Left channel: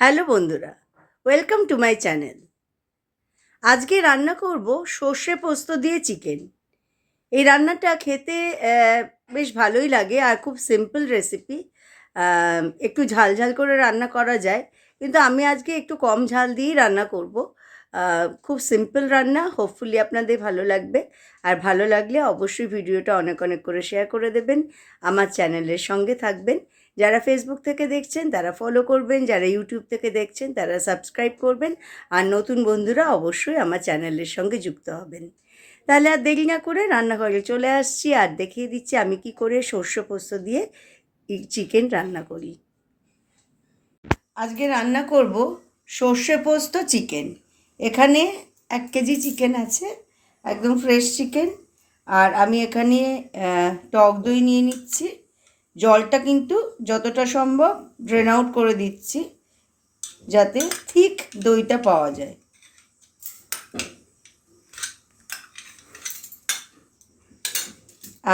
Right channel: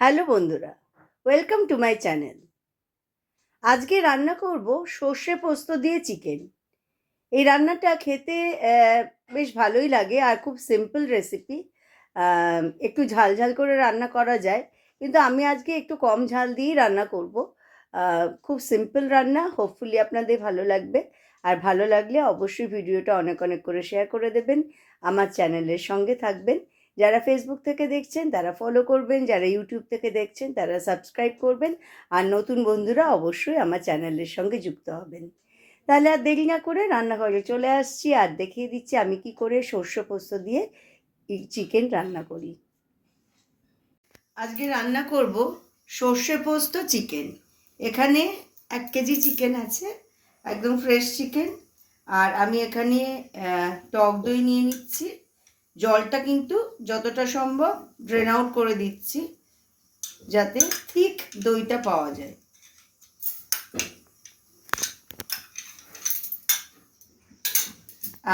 Hello বন্ধুরা, welcome to my channel. আজকে রান্না করব সর্ষে পোস্ত দিয়ে চিকেন। এই রান্নাটা খেতে বেশ ভালোই লাগে আর খুব সিম্পল রেসিপি। একটু ঝাল ঝাল করে রান্না করা যায়, কিন্তু আমি আজকে একটু কম ঝাল দিয়েই রান্না করব। খুব সিম্পল রান্না, হোপফুলি আপনাদের ভালো লাগবে। আর ভালো লাগলে অবশ্যই ভিডিওটা অনেক অনেক করে শেয়ার করে দেবেন, আমার চ্যানেলের সঙ্গে থাকবেন। যারা ফেসবুক থেকে দেখছেন তারা ফলো করবেন, যারা ইউটিউব থেকে দেখছেন তারা সাবস্ক্রাইব করবেন, আর নতুন বন্ধুরা অবশ্যই আমার চ্যানেলের সঙ্গে যুক্ত হবেন। তাহলে আর দেরি না করে রান্নাঘরে চলে আসছি আর দেখিয়ে দিচ্ছি আমি কি করে সর্ষে পোস্ত দিয়ে চিকেন রান্না করি। আজকে রান্না করব সর্ষে পোস্ত চিকেন। এখানে 1 কেজি চিকেন আছে, একদম ফ্রেশ চিকেন। আর আমি এখানে টক দই নিয়ে নিচ্ছি। জলটা কিন্তু যতটা সম্ভব ড্রেন আউট করে দিচ্ছি, যাতে ঠিক দইটা পাওয়া যায়।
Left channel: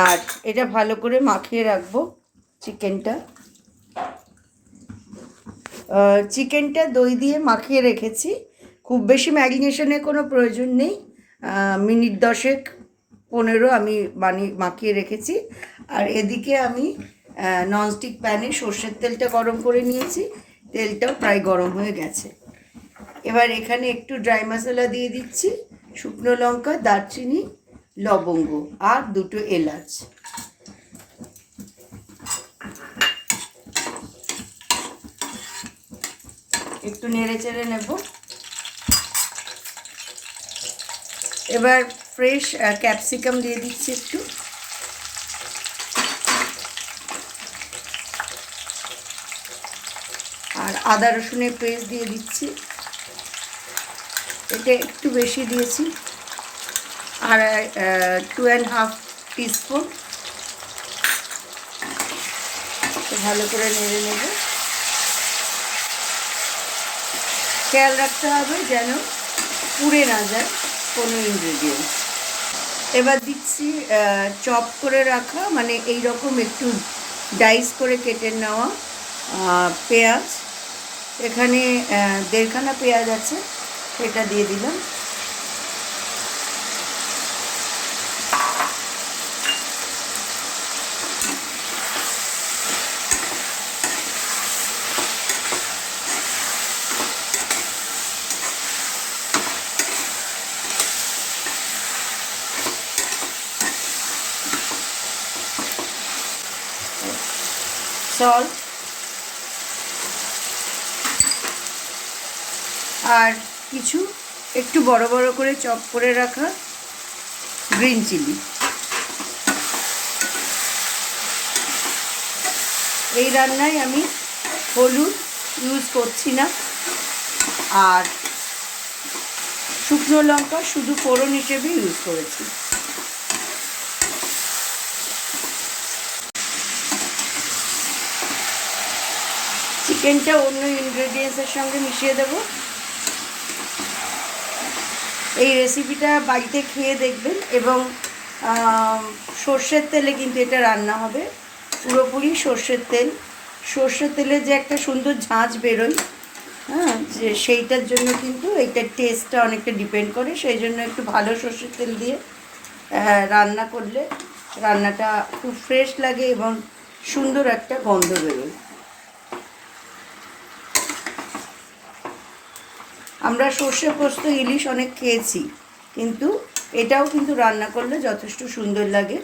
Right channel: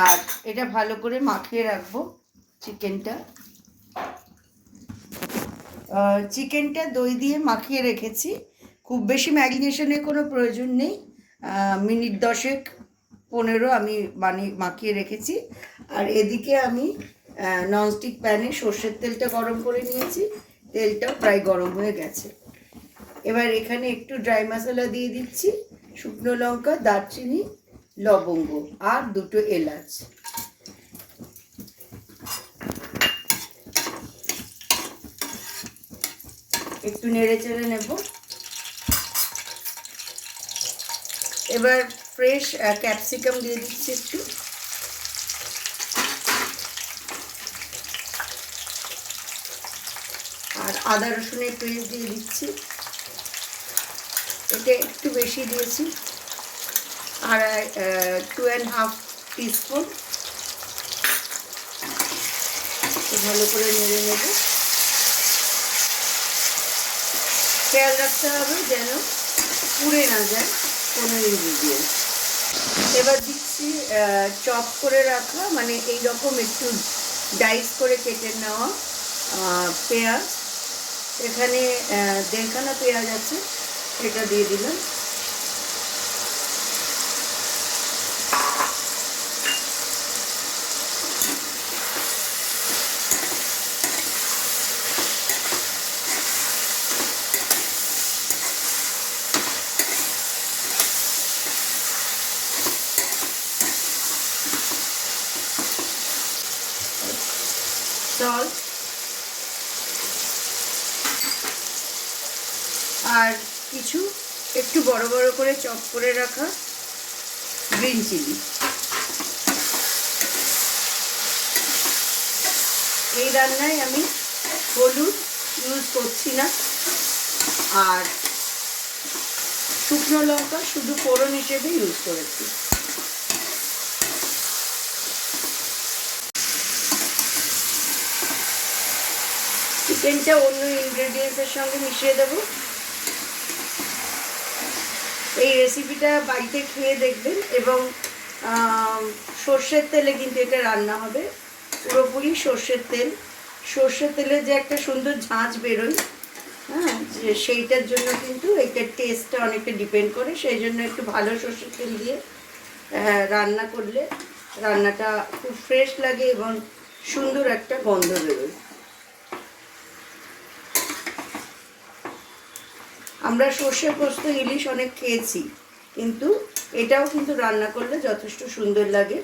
আর এটা ভালো করে মাখিয়ে রাখবো চিকেনটা। চিকেনটা দই দিয়ে মাখিয়ে রেখেছি, খুব বেশি ম্যারিনেশনের কোনো প্রয়োজন নেই। মিনিট 10-15 আমি মাখিয়ে রেখেছি। আর এদিকে আমি ননস্টিক প্যানে সর্ষের তেলটা গরম করে নিয়েছি, তেলটাও প্রায় গরম হয়ে গেছে। এবার এখানে একটু ড্রাই মশলা দিয়ে দিচ্ছি, শুকনো লঙ্কা, দারচিনি, লবঙ্গ আর 2টো এলাচ। একটু নেড়ে চেড়ে নেব। এবার ফ্রেশ ক্যাপসিকাম দিয়ে দিচ্ছি একটু, আর আদা রসুনের পেস্ট দিয়ে দিচ্ছি, এটা একটু বেশি দিয়েছি। আর 2.5 টিস্পুন। ভালো করে নেড়ে নেব। খেয়াল রাখতে হবে যেন পুড়ে না যায় কোনো ইনগ্রেডিয়েন্ট। এবার দিচ্ছি চপ করে রাখা, মানে এই রকম একটু ডাইস করে কেটে নেওয়া পেঁয়াজ। এখানে 1.5খানা পেঁয়াজ আছে, এটা দিয়ে দিলাম। সল্ট আর কিছু একটু বড় বড় করে চপ করে রাখা গ্রিন চিলি। এই রান্নায় আমি হলুদ ইউজ করছি না, আর শুকনো লঙ্কা শুধু ফোড়ন হিসেবে ইউজ করেছি। চিকেনটা অন্য ইনগ্রেডিয়েন্টসের সঙ্গে মিশিয়ে দেব। এই রেসিপিটা বাড়িতে খেয়ে দেখবেন, এবং সর্ষের তেলে কিন্তু এটা রান্না হবে, পুরোপুরি সর্ষের তেল। সর্ষের তেলে যে একটা সুন্দর ঝাঁঝ বেরোয়, হ্যাঁ, যে সেইটার জন্য কিন্তু এটার টেস্টটা অনেকটা ডিপেন্ড করে। সেই জন্য একটু ভালো সর্ষের তেল দিয়ে রান্না করলে রান্নাটা খুব ফ্রেশ লাগে এবং সুন্দর একটা গন্ধ বেরোয়। আমরা সর্ষে পোস্ত ইলিশ অনেক খেয়েছি, কিন্তু এটাও কিন্তু রান্না করলে যথেষ্ট সুন্দর লাগে।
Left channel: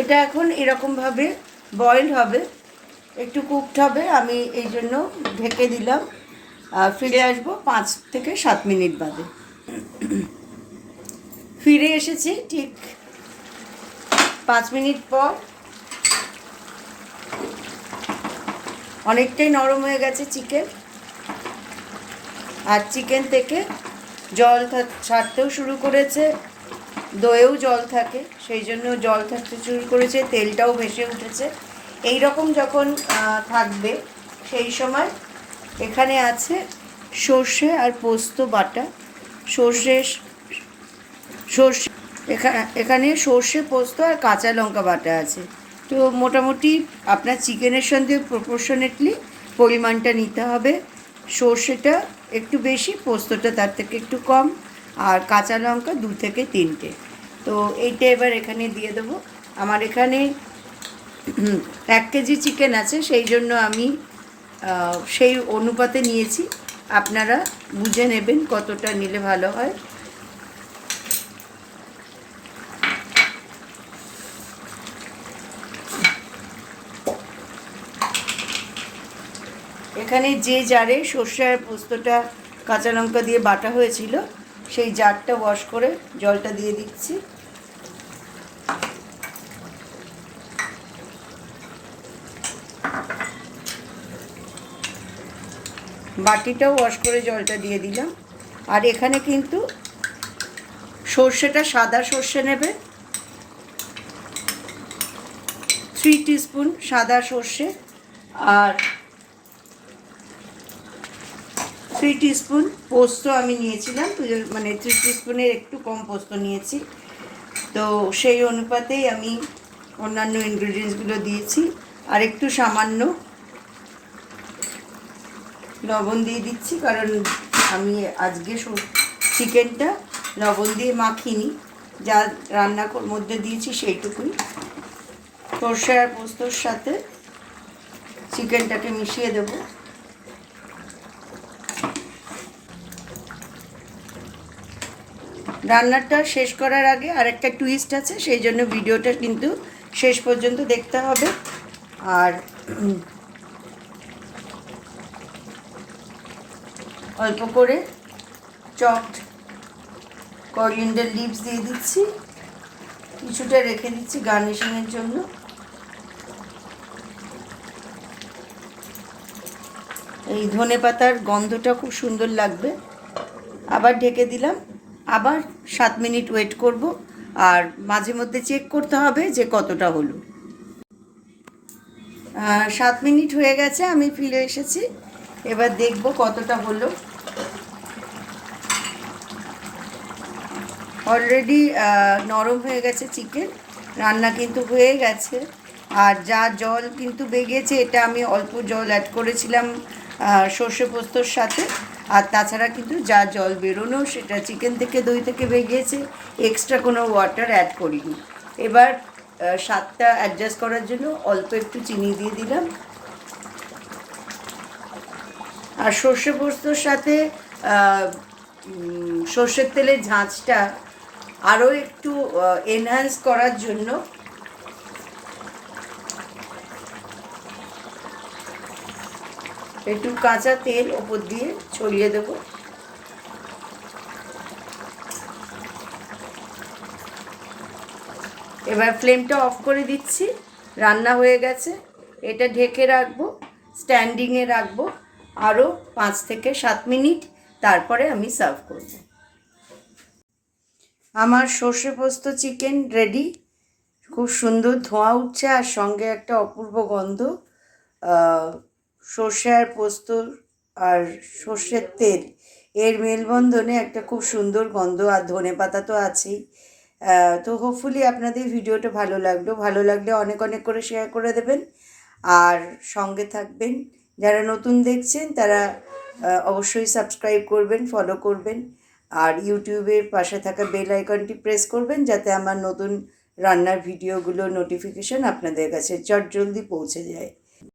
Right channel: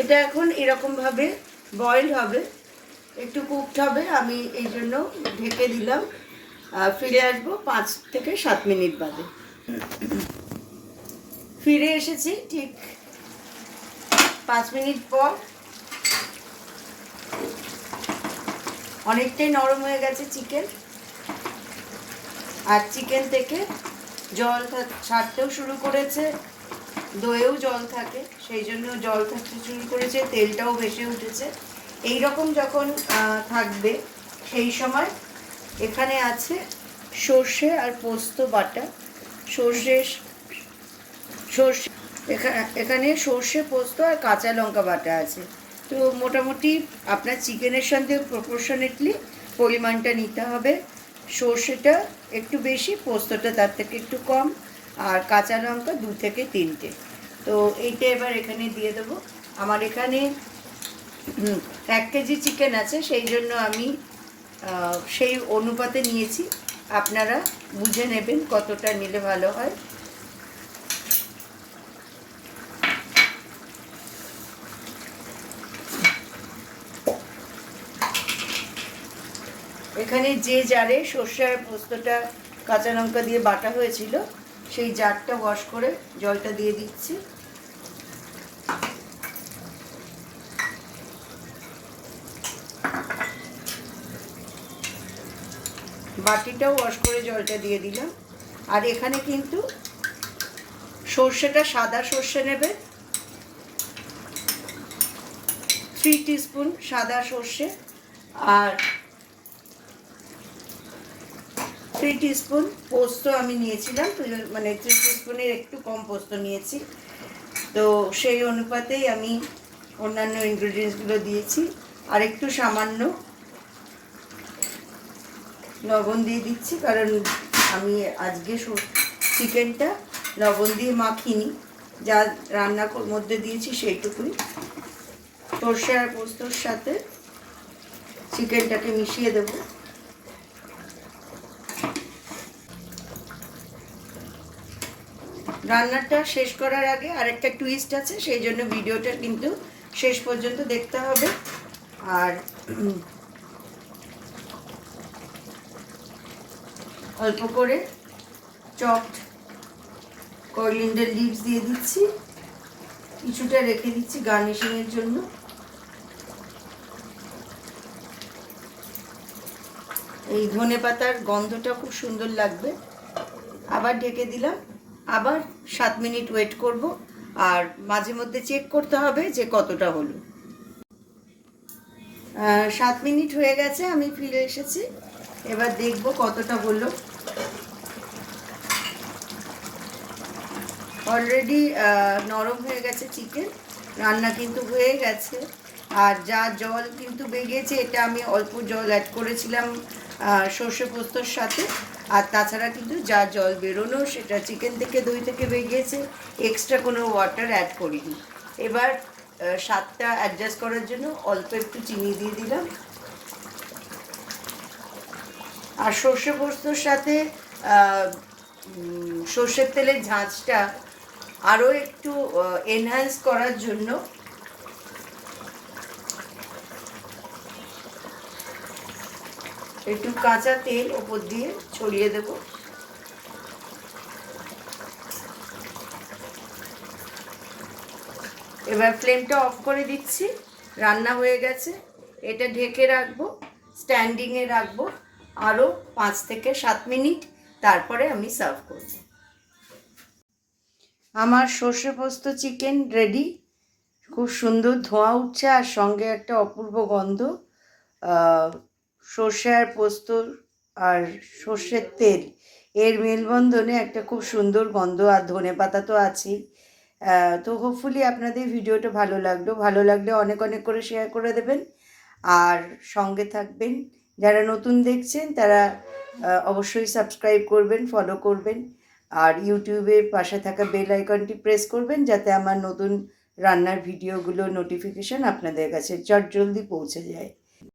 এটা এখন এরকমভাবে বয়েল হবে, একটু কুকড হবে। আমি এই জন্য ঢেকে দিলাম। ফিরে আসবো 5 থেকে 7 মিনিট বাদে। ফিরে এসেছি ঠিক 5 মিনিট পর। অনেকটাই নরম হয়ে গেছে চিকেন, আর চিকেন থেকে জল ছাড়তেও শুরু করেছে। দইয়েও জল থাকে, সেই জন্য জল থাকতে শুরু করেছে, তেলটাও ভেসে উঠেছে। এই রকম যখন থাকবে সেই সময় এখানে আছে সর্ষে আর পোস্ত বাটা, সর্ষে সর্ষে এখানে সর্ষে পোস্ত আর কাঁচা লঙ্কা বাটা আছে। তো মোটামুটি আপনার চিকেনের সঙ্গে প্রপোর্শনেটলি পরিমাণটা নিতে হবে। সর্ষেটা একটু বেশি, পোস্তটা তার থেকে একটু কম, আর কাঁচা লঙ্কা 2 থেকে 3টে। তো এইটা এবার এখানে দিয়ে দেবো। আমার এখানে 1 কেজি চিকেন আছে, সেই জন্য আমি সেই অনুপাতে নিয়েছি। আপনারা বুঝে নেবেন কতটা নিলে ভালো হয়। এখানে যে জারে সর্ষে আর পোস্তটা কাঁচা লঙ্কা দিয়ে বাটা হয়েছিল, সেই জারটা ওয়াশ করে জলটা দিয়ে দিচ্ছি। বাটিটাও ওয়াশ করে জলটা দিয়ে দিলাম। আর এখানে কিন্তু সর্ষেটা সাদা সর্ষে নেবে, 3 টিস্পুন সাদা সর্ষে, আর 3 টিস্পুন পোস্ত আমি নিয়েছিলাম, মানে 3 টিস্পুনের একটু কম পোস্ত নিয়েছি। তো সেই অনুপাতেই আমি অন্যান্য ইনগ্রিডিয়েন্টসগুলো দিয়েছি। আর একটু সামান্য লবণ দিয়ে দিচ্ছি, কারণ আমি আজকে চিকেনটা লবণ দিয়ে মাখিনি, যা রান্নার মধ্যে দিয়েছি সেইটুকুই। সর্ষে আর পোস্তর সাথে চিকেনটাকে মিশিয়ে দেব। রান্নাটা শেষ করার আগে আরেকটা টুইস্ট আছে, সেই জন্য ভিডিওটা কিন্তু শেষ পর্যন্ত দেখতে হবে। আর অল্প করে চপড করিয়েন্ডার লিভস দিয়ে দিচ্ছি, কিছুটা রেখে দিচ্ছি গার্নিশিংয়ের জন্য। এই ধনেপাতার গন্ধটা খুব সুন্দর লাগবে। আবার ঢেকে দিলাম, আবার 7 মিনিট ওয়েট করব। আর মাঝে মধ্যে চেক করতে হবে যে কতটা হলো। 7 মিনিট হয়ে গেছে, আমি ফিরে এসেছি। এবার দেখব কতটা হলো। অলরেডি নরম হয়ে গেছে চিকেন, রান্না কিন্তু হয়ে গেছে। আর যা জল কিন্তু বেরিয়েছে, এটা আমি অল্প জল অ্যাড করেছিলাম সর্ষে পোস্তর সাথে। আর তাছাড়া কিন্তু যা জল বেরোনো সেটা চিকেন থেকে, দই থেকে বেরিয়েছে, এক্সট্রা কোনো ওয়াটার অ্যাড করিনি। এবার স্বাদটা অ্যাডজাস্ট করার জন্য অল্প একটু চিনি দিয়ে দিলাম। আর সর্ষে পোস্তর সাথে সর্ষের তেলের ঝাঁঝটা আরও একটু এনহ্যান্স করার জন্য একটু কাঁচা তেল ওপর দিয়ে ছড়িয়ে দেব। এবার ফ্লেমটা অফ করে দিচ্ছি। রান্না হয়ে গেছে, এটা ঢেকে রাখবো, স্ট্যান্ডিংয়ে রাখবো আরও 5 থেকে 7 মিনিট, তারপরে আমি সার্ভ করব। আমার সর্ষে পোস্ত চিকেন রেডি। খুব সুন্দর ধোঁয়া উঠছে, আর সঙ্গে একটা অপূর্ব গন্ধ। সর্ষে আর পোস্ত আর সর্ষের তেল এর মেলবন্ধনে একটা খুব সুন্দর গন্ধ, আর ধনেপাতা তো আছেই। তো হোপফুলি আপনাদের ভিডিওটা ভালো লাগলে অনেক অনেক করে শেয়ার করে দেবেন, আর সঙ্গে থাকবেন। যারা নতুন দেখছেন তারা অবশ্যই সাবস্ক্রাইব করবেন, ফলো করবেন, আর ইউটিউবের পাশে থাকা বেল আইকনটি প্রেস করবেন, যাতে আমার নতুন রান্নার ভিডিওগুলোর নোটিফিকেশান আপনাদের কাছে চটজলদি পৌঁছে যায়।